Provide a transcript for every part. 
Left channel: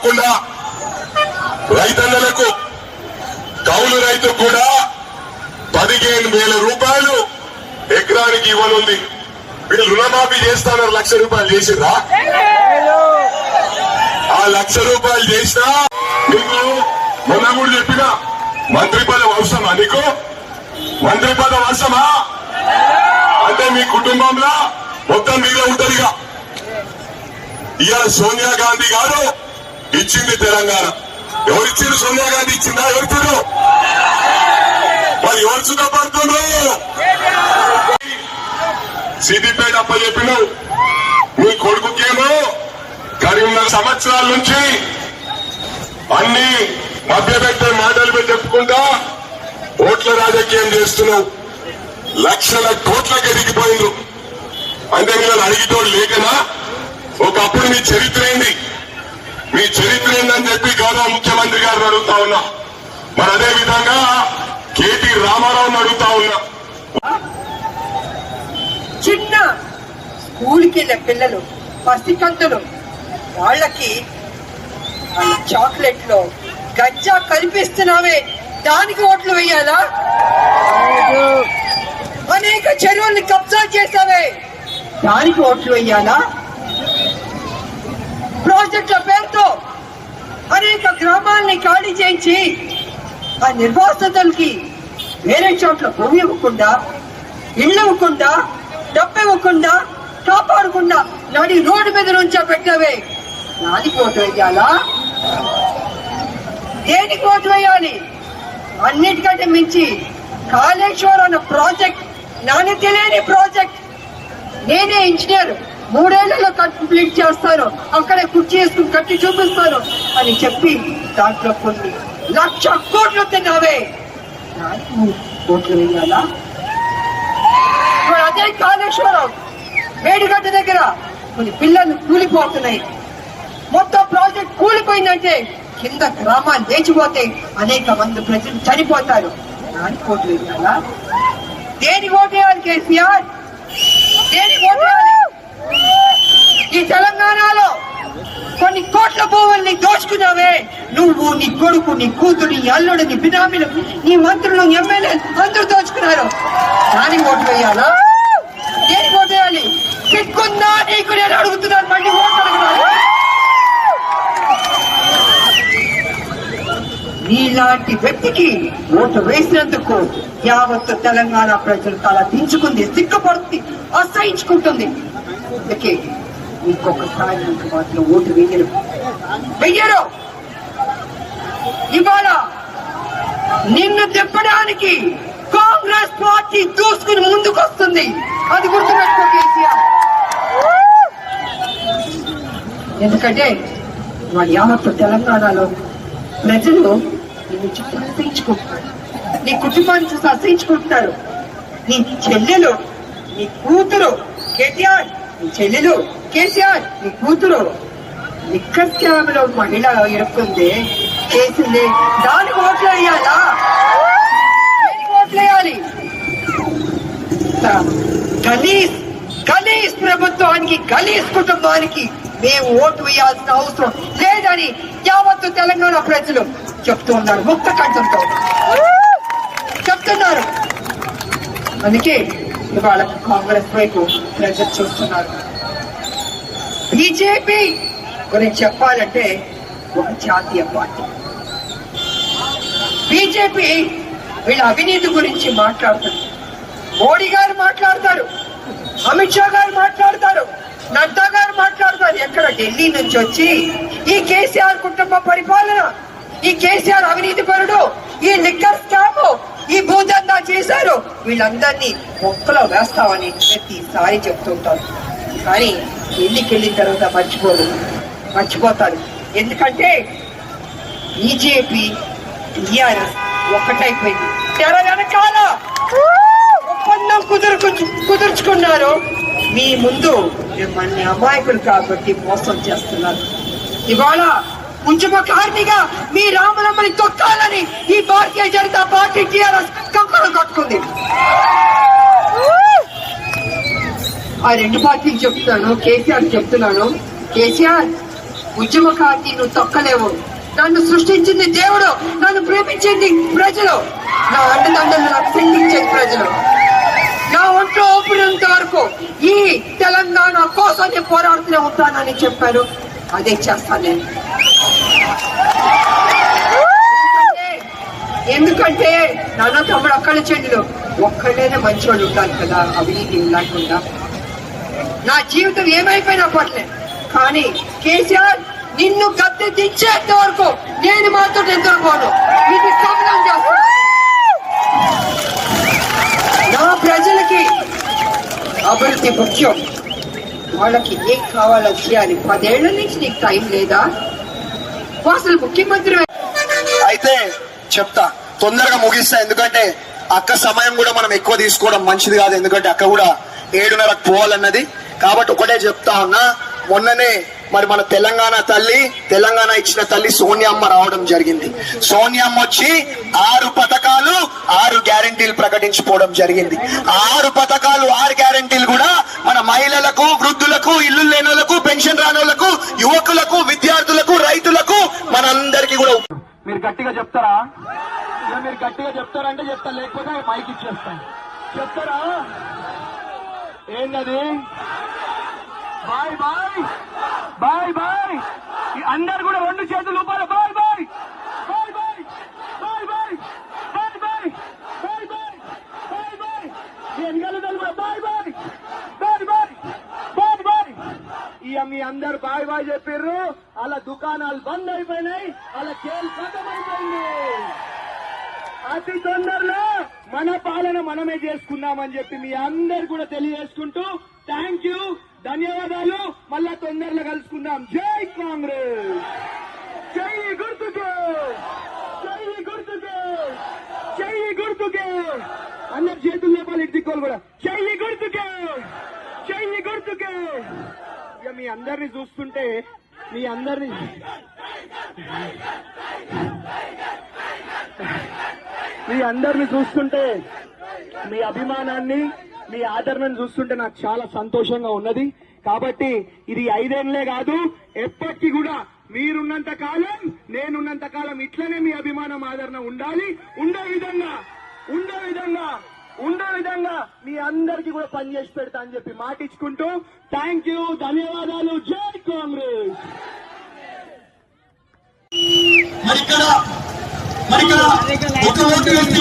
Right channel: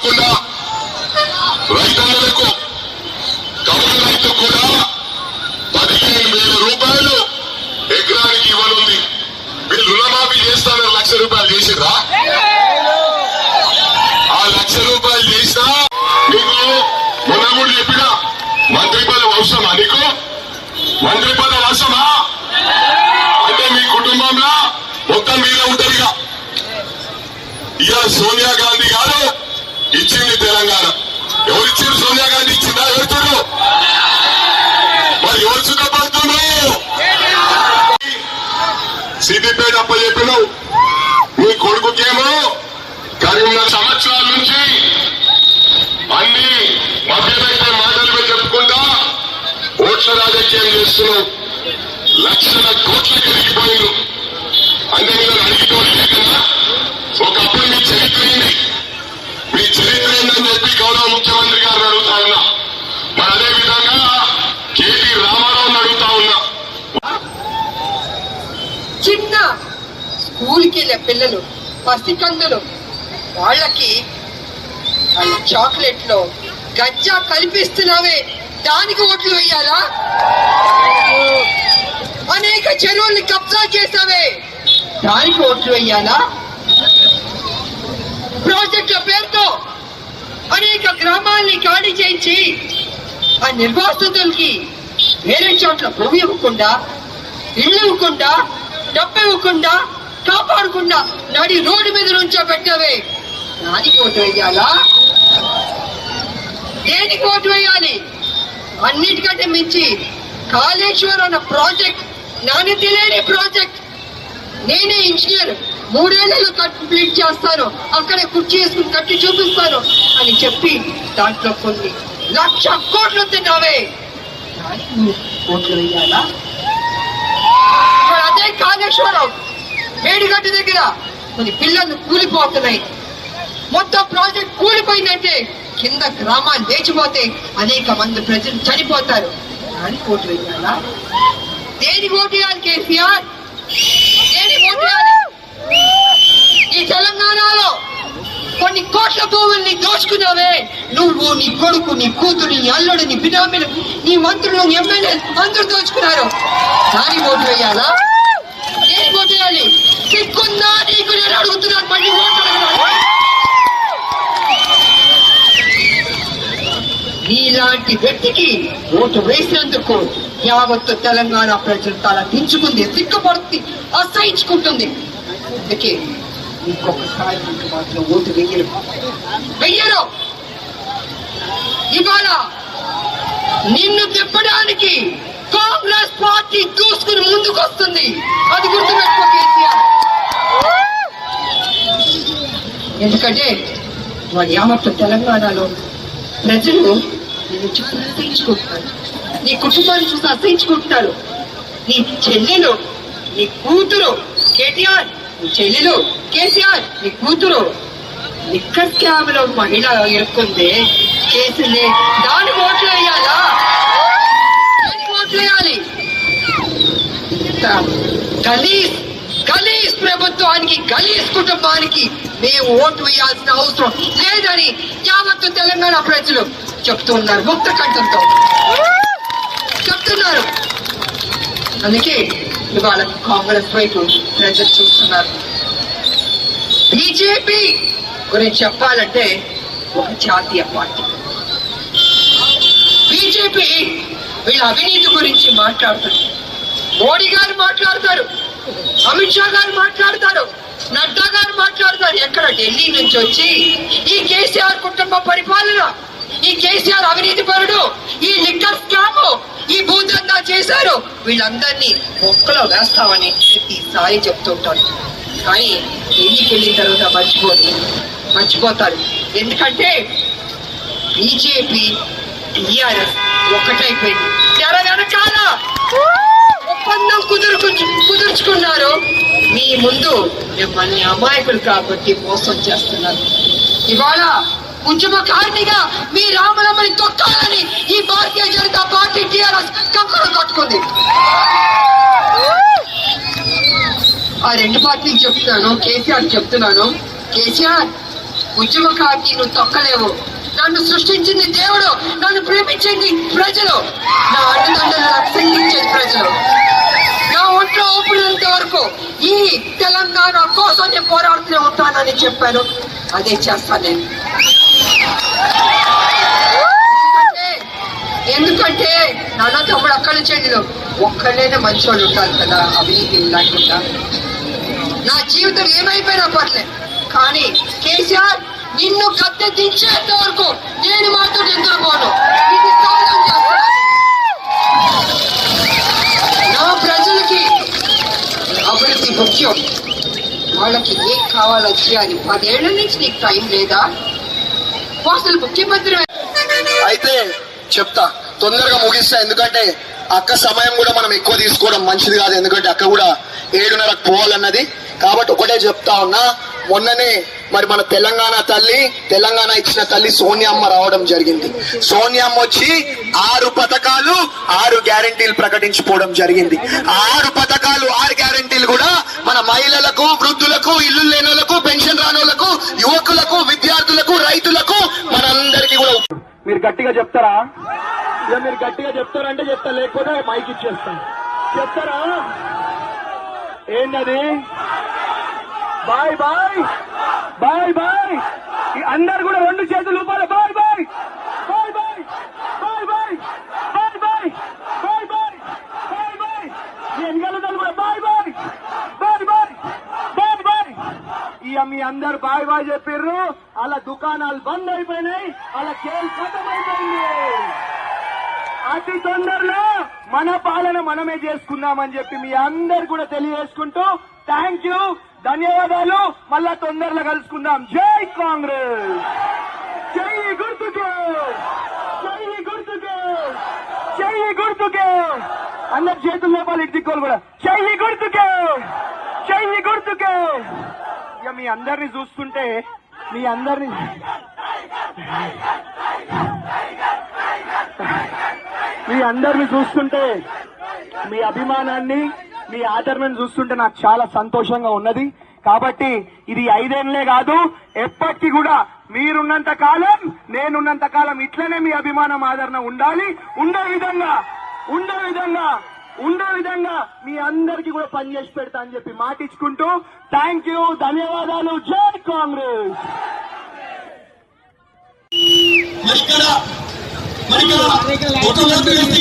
కాకుండా రైతన్నలకు కౌలు రైతు కూడా 15,000 రూపాయలు ఎకరానికి ఇవ్వనుంది. వీళ్ళు రుణమాఫీ చేస్తానన్నారు, 1,00,000 రూపాయలు చేసిర్రా? ఆ 1,00,000 రూపాయలు చేసినా నీకు మొన్న కూడా చెప్పిన మంత్రి పదవి అవసరమా? నీకు మంత్రి పదవి అవసరమా? అంటే మీ కుటుంబంలో మొత్తం మీరే ఉంటారు. ఇవాళ సోనియా గాంధీ గారు ఇచ్చింది తెలంగాణ. ఎవరిచ్చింది? సోనియా గాంధీ ఇచ్చిందా? ఎవరు? మరి ఎవరు సుఖపడుతున్నారు? సిద్దిపేట అప్ప చెప్పినావు. మీ కొడుకుకేమో కరీంనగర్ సంవత్సరాల నుంచి అన్ని మధ్యపెట్టే మాటలు చెప్పుకుంటా ఓట్ల రాజకీయం చేస్తున్నావు. 1,00,000 కోట్లకు ఎదిగిపోయిండ్రు. అంటే మీరు అడిగేటోళ్ళు లేకనా? ఒకప్పుడు మీ చరిత్ర ఏంది, మీ చరిత్ర ఏందని చెప్పి గౌరవ ముఖ్యమంత్రి గారిని అడుగుతా ఉన్నా. మరి అదే విధంగా కేటీ రామారావుని అడుగుతా ఉన్నా. చిన్న స్కూల్కి వెళ్ళే పిల్లలు, పసికందులు, వాళ్ళకి చాక్లెట్ లో గజ్జా కల్పిస్తున్నావే, దానికి ఓట్లు వేయాలా? అనేక చెరువుల్ని కబ్జా చేసావే, దానికి ఓట్లు వేయాలా? ప్రాజెక్టుల పేరుతో అనేక గ్రామాల్ని ఖాళీ చేయించి ఆ నిర్వాసితులకి వేరే చోట్ల భూమి ఇవ్వకుండా, ఇళ్ళు ఇవ్వకుండా, డబ్బు ఇవ్వకుండా, కాపాడకుండా నడి రోడ్డు మీద నుంచో పెట్టావే, దానికి ఓటు వేయాలా? దేనికి ఓటు వేయాలి? అన్నిటికంటే మించి కాళేశ్వరం అన్న ప్రాజెక్ట్ నాణ్యత లేని ప్రాజెక్ట్. నేనే ఇంజనీర్, 3 ఏళ్లలో కంప్లీట్ చేస్తాను, అక్కడే కుర్చీ వేసుకుని కట్టి చూపిస్తాను అని చెప్పి దాంట్లో కొన్ని 1,00,000 కోట్లు తిన్నావే, దానికి ఓట్లు వేయాలా? అదే కాళేశ్వరం మేడిగడ్డ దగ్గర కొన్ని పిల్లలు కూలిపోతున్నాయి. మొత్తం ప్రాజెక్ట్ కూలిపోయిందంటే కింద గ్రామాలు లేచిపోతే అనేక మంది ప్రజలు చనిపోతారు. దానికి ఓటు వేయాలా? దేనికి ఓటు వేయాలి కేసీఆర్? దేనికి ఓటు వేయాలి? ఈ తెలంగాణలో కొన్ని కోట్ల భూముల్ని దోచుకున్నావే నువ్వు, నీ కొడుకు, నీ కూతురు, నీ అల్లుడు, నీ బినామీలు, నీ మంత్రులు, ఎమ్మెల్యేలు అందరూ దోచుకున్నారు. దానికి ఓటు వేయాలా? దేనికి ఓటు వేయాలి? సిగ్గుందా నీకు? నేను అడుగుతున్నాను, మళ్ళీ ఓటు అడుగుతున్నాను. నీలాంటి వ్యక్తికి ఓటు వేసినందుకు యావత్తు తెలంగాణ ప్రజలు తల దించుకుంది, సిగ్గుపడుతుంది, అసహించుకుంటుంది. అందుకే ఇంకొకసారి నీకు మాత్రం ఓటు వెయ్యరు. ఇవాళ నిన్ను తిప్పడానికి కాంగ్రెస్ పార్టీ దూసుకుని ముందుకు వస్తుంది. అది గుర్తుపెట్టుకో కేసీఆర్. ఎందుకంటే వాళ్ళ యావత్తు తెలంగాణలో ప్రజలు నిన్ను చూసి అసహించుకుంటున్నారు, నీ కుటుంబాన్ని చూసి అసహించుకుంటున్నారు. నీ చెల్లెలు, నీ కూతురు కేటీఆర్, నీ చెల్లెలు కేసీఆర్, నీ కూతురు లిక్కర్ స్కామ్ లో మహిళ ఇరుక్కుంది, కేసులే, దానికి ఓట్లు వేయాలా? దేనికి ఓట్లు వేయాలి? గలీజ్ ప్రభుత్వానికి, గలీజ్ కుటుంబానికి మేము ఓటు వేయాల్సిన అవసరం లేదని యావత్తు తెలంగాణ ప్రజలు చెప్తున్నారు, ముక్త కంఠంతో చెప్తున్నారు. అందుకే ఇవాళ కాంగ్రెస్ వైపు ప్రజలు చూస్తున్నారు. బీజేపీ గురించి చెప్పాలంటే ఒక జాతీయ పార్టీ. బీజేపీ వీళ్ళ అవినీతి గురించి మాట్లాడతారు. మోడీ గారు మాట్లాడతారు, అమిత్ షా గారు మాట్లాడతారు, నడ్డా గారు మాట్లాడతారు. ఎక్కడ? ఢిల్లీ నుంచి వచ్చి ఈ కేసీఆర్ కుటుంబ పరిపాలన, ఈ కేసీఆర్ అవినీతి పరుడు, ఈ లిక్కర్ స్కామ్, ఈ భూదందా చేశారు, వీళ్ళందరినీ మొక్కలో వేస్తామని ప్రతిసారి చెప్తుంటారు. కానీ ఢిల్లీకి వెళ్ళిన తర్వాత మర్చిపోతారు. ఎందుకంటే బీజేపీ టీఆర్ఎస్ ఒకటైపోయింది. తెర వెనకాల ఒప్పందం కుదుర్చుకున్నారు. మీ ముందు మిమ్మల్ని అమాయకులు కాబట్టి మోసం చేస్తున్నారు. ఇవాళ ఉద్యమకారినిగా మీ రామరమ్మని తొక్కాలని ఈ భారతీయ జనతా పార్టీ టీఆర్ఎస్ కంకణం కట్టుకుంది. ఆ 2 పార్టీలు చెప్తున్నాను, కేసీఆర్ చెప్తున్నాను. కేసీఆర్ ఉద్యమకాకి నువ్వు తొక్కలేవు. నన్ను సృష్టించింది దేవుడు, నన్ను ప్రేమించింది ప్రజలు, నా అండదండలు నాకు పిండించేది ప్రజలు. నా ఒంట్లో ఊపిరినంత వరకు ఈ తెలంగాణ కోసం నేను పోరాడుతూనే ఉంటానని చెప్పారు. అదే చేస్తాను నేను. ఎందుకంటే నాన్న తమ్ముడు అక్కడి చెందిలో ఒక్కడైనా మంచోళ్ళు ఉండాలి కదా, అవినీతి లేకుండా. నా జీవితం ఏమైపోయినా పర్లేదు, కానీ కేసీఆర్ నిన్ను గద్దె దించేంత వరకు నేను మాత్రం నిద్రపోను. ఇది సమయం చేస్తాను. నా ప్రజలకి అభివృద్ధి ముఖ్యం. వాళ్ళకి ఏం కావాలో చేయాలి. 10 ఏళ్ల నుంచి నీకు టైం లేదా? అసలు ముఖ్యమంత్రి అయితే చెప్తా, తొందరగా ముగిస్తా. ఎందుకంటే అక్క సమయం కూడా మనం ఎక్కువ తీసుకోవడం మంచిది కాదు. ఎందుకంటే అక్క కూడా 7:30కు పోవాలన్నది. కాబట్టి ఒకటే చెప్తా ఉన్నా, మొన్ననే మరి మన తెలంగాణ ఇచ్చిన తల్లి సోనియమ్మ రావడం జరిగింది. సోనియమ్మ వచ్చి 6 పథకాలు 6 గ్యారంటీలు ప్రకటించిపోవడం జరిగింది. 6 పథకాలు 6 గ్యారంటీలు కూడా మన మహిళలకు, వృద్ధులకు, ఇల్లు లేనోళ్లకు, పెన్షన్ రానోళ్లకు, యువకులకు, విద్యార్థులకు, రైతులకు, మనందరికీ కూడా. మీరు గట్టిగా చెప్తారా? ఇక మీరు గట్టిగా చెప్తారంటే చెప్తా, లేకపోతే మైక్ ఇచ్చేస్తాను. చెప్తారా? ఏంటది? Bye bye bye bye. అందరు కూడా 2 చేతులు ఊపాలి. Bye bye bye bye bye bye bye bye bye bye bye bye. Bye bye bye bye bye bye. ఇక మీ అందరు బాయ్ బాయ్ చెప్పారు. అలా దుకాణాలు బంద్ అయిపోయినాయి, అలా కేసు ఖతమైపోయింది. అతి తొందరలో మన పాలన మనమే చేసుకుందామని చెప్పి మీ అందరు కూడా తెలియజేసుకుంటూ థ్యాంక్ యూ, ధన్యవాదాలు. మళ్ళా తొందరలో కలుసుకుందాం. జై కాంగ్రెస్, జై గుర్తుకే, జై గుర్తుకే, జై గుర్తుకే. అందరు చేతులు లేపాలి, ఇటు దిక్కులు కూడా. జై గుర్తుకే, జై గుర్తుకే. ఇక మీ అందరిని చూస్తుంటే మీ అభిమానాన్ని, మీ ఆదరణను చూస్తుంటే నాకు చాలా సంతోషంగా ఉన్నది. కాబట్టి ఇది 5 ఏళ్లే కాదు, ఎప్పటికీ కూడా మీరున్నంత కాలం, నేనున్నంత కాలం ఇట్లనే మీ అభిమానం, ఆదరణ ఉండాలి. ఉండే విధంగా మీ అందరికీ కూడా పనిచేసి పెడతా అని చెప్పి మాటిచ్చుకుంటూ థ్యాంక్ యూ, ధన్యవాదాలు. జై కాంగ్రెస్. మరి ఇక్కడ ఒక ఓటు వేస్తే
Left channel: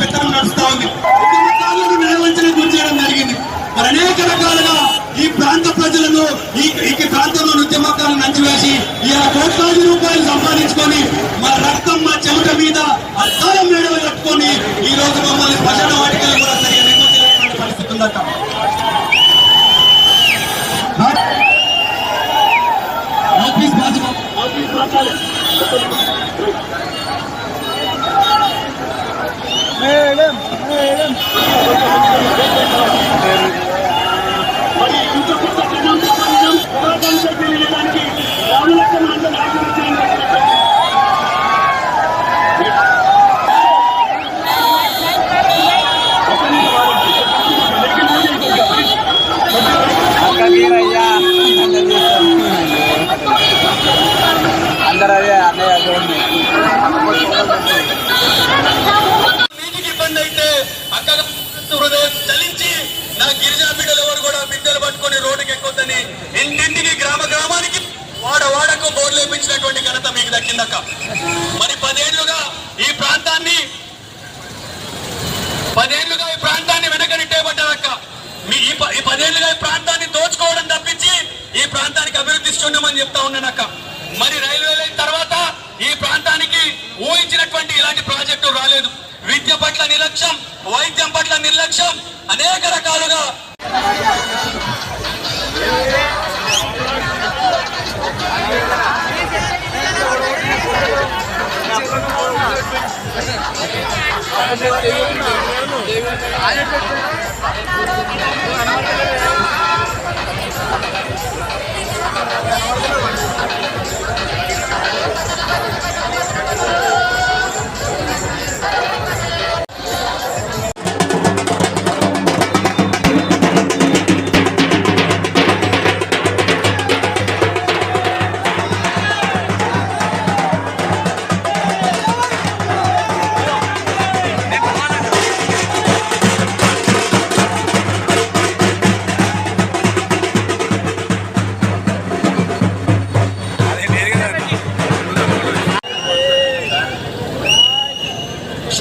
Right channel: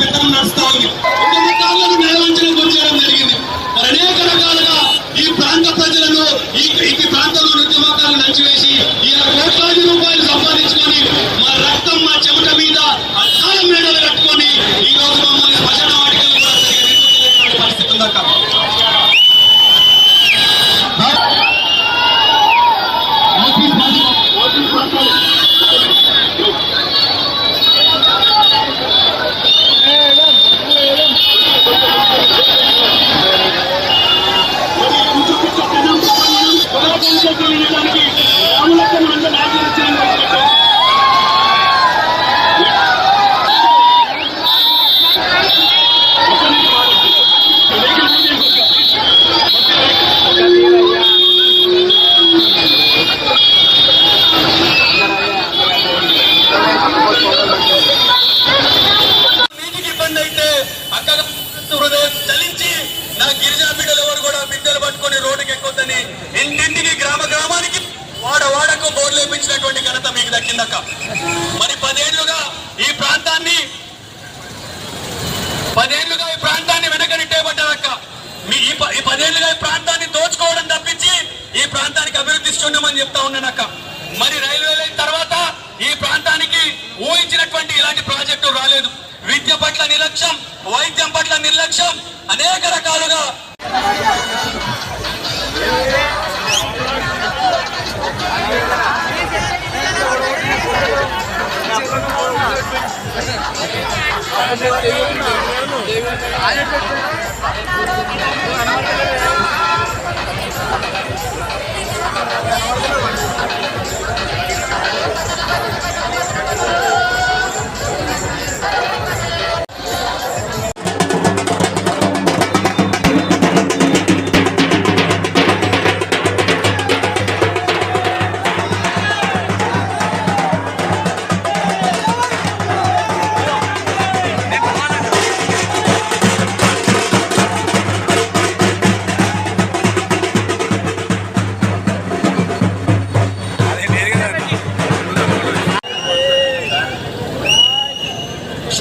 పెద్దలు నడుస్తా ఉంది. ఉద్యమకారులను నిర్వహించడం గుర్తించడం జరిగింది. మరి అనేక రకాలుగా ఈ ప్రాంత ప్రజలను, ఈ ప్రాంతంలో ఉద్యమకారులను నంచివేసి ఇలా కోట్లాది రూపాయలు సంపాదించుకొని మా రక్తం, మా చెమట మీద అద్దాలం మేడలు కట్టుకొని ఈ రోజు మమ్మల్ని శ్మశాన వాటికలు కూడా సరిగా నిర్వహించలేటువంటి పరిస్థితి ఉందట. ఇచ్చినటువంటి ఘనత మీకు దక్కిందక్క. మరి 10 ఏళ్లుగా ఈ ప్రాంతాన్ని వెనకనిట్టేబడ్డారక్క. ఈ 10 ఏళ్లుగా ఈ ప్రాంతాన్ని దోచుకోవడం తప్పించి ఈ ప్రాంతానికి అభివృద్ధి ఇస్తున్నామని చెప్తా ఉన్నానక్క. మరి రైల్వే లైన్ తర్వాత ఈ ప్రాంతానికి ఊహించినటువంటి ఇలాంటి ప్రాజెక్టు రాలేదు. విద్య పట్ల నిర్లక్ష్యం, వైద్యం పట్ల నిర్లక్ష్యం, అనేక రకాలుగా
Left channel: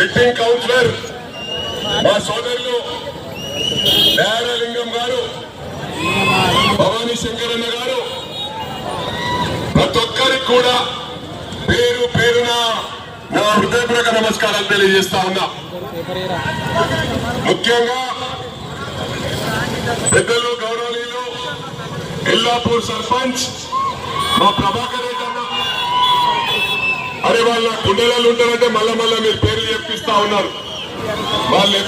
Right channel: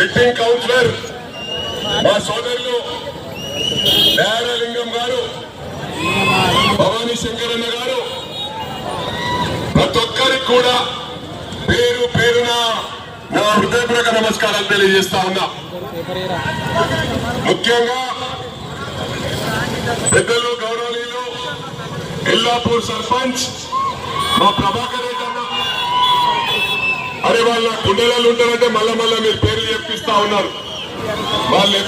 సిట్టింగ్ కౌన్సిలర్ మా సోదరులు దయాలింగం గారు, భవానీ శంకరన్న గారు, ప్రతి ఒక్కరికి కూడా పేరు పేరున నా హృదయపూర్వక నమస్కారాలు తెలియజేస్తా ఉన్నా. ముఖ్యంగా పెద్దలు గౌరవనీయులు ఎల్లాపూర్ సర్పంచ్ మా ప్రభాకర్ రెడ్డి అన్న, అరే వాళ్ళ గుండెలలో ఉంటారంటే మళ్ళా మీరు పేర్లు చెప్పిస్తా ఉన్నారు. వాళ్ళు